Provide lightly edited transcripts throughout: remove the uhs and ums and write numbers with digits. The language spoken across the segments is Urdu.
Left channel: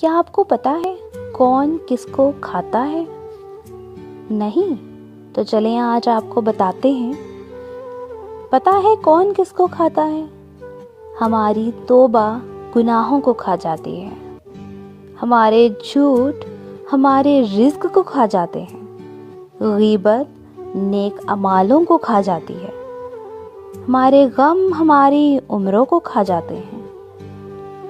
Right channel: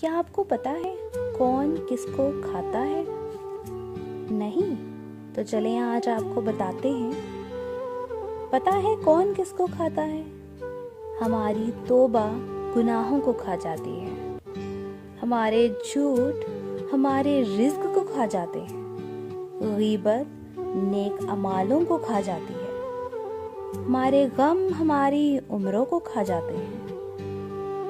کیا آپ کو پتا ہے کون کس کو کھاتا ہے؟ نہیں؟ تو چلیں آج آپ کو بتاتے ہیں۔ پتا ہے کون کس کو کھاتا ہے؟ ہماری توبہ گناہوں کو کھا جاتی ہے، ہمارے جھوٹ ہمارے رزق کو کھا جاتے ہیں، غیبت نیک اعمالوں کو کھا جاتی ہے، ہمارے غم ہماری عمروں کو کھا جاتے ہیں۔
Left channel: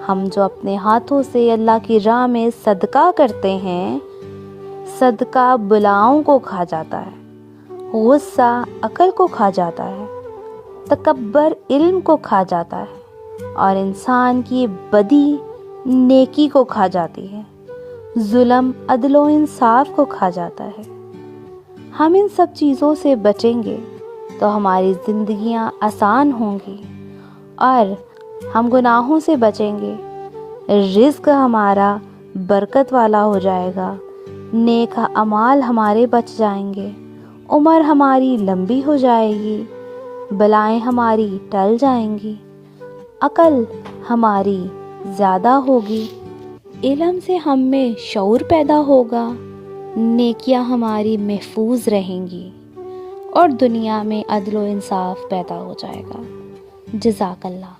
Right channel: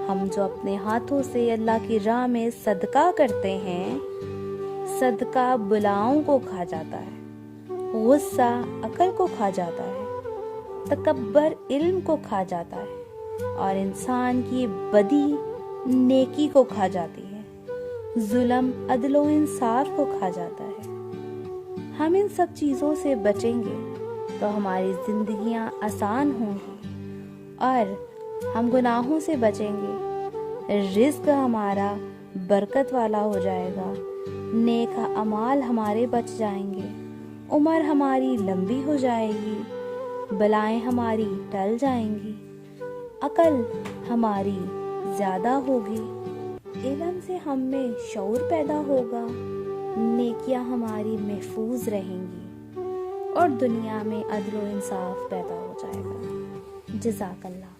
ہم جو اپنے ہاتھوں سے اللہ کی راہ میں صدقہ کرتے ہیں، صدقہ بلاؤں کو کھا جاتا ہے، غصہ عقل کو کھا جاتا ہے، تکبر علم کو کھا جاتا ہے، اور انسان کی بدی نیکی کو کھا جاتی ہے، ظلم عدل و انصاف کو کھا جاتا ہے۔ ہم ان سب چیزوں سے بچیں گے تو ہماری زندگیاں آسان ہوں گی، اور ہم گناہوں سے بچیں گے، رزق ہمارا برکت والا ہو جائے گا، نیک اعمال ہمارے بچ جائیں گے، عمر ہماری لمبی ہو جائے گی، بلائیں ہماری ٹل جائیں گی، عقل ہماری زیادہ ہوگی، علم سے ہم میں شعور پیدا ہوگا، نیکیاں ہماری محفوظ رہیں گی، اور دنیا میں عدل و انصاف پیدا ہو جائے گا۔ جزاک اللہ۔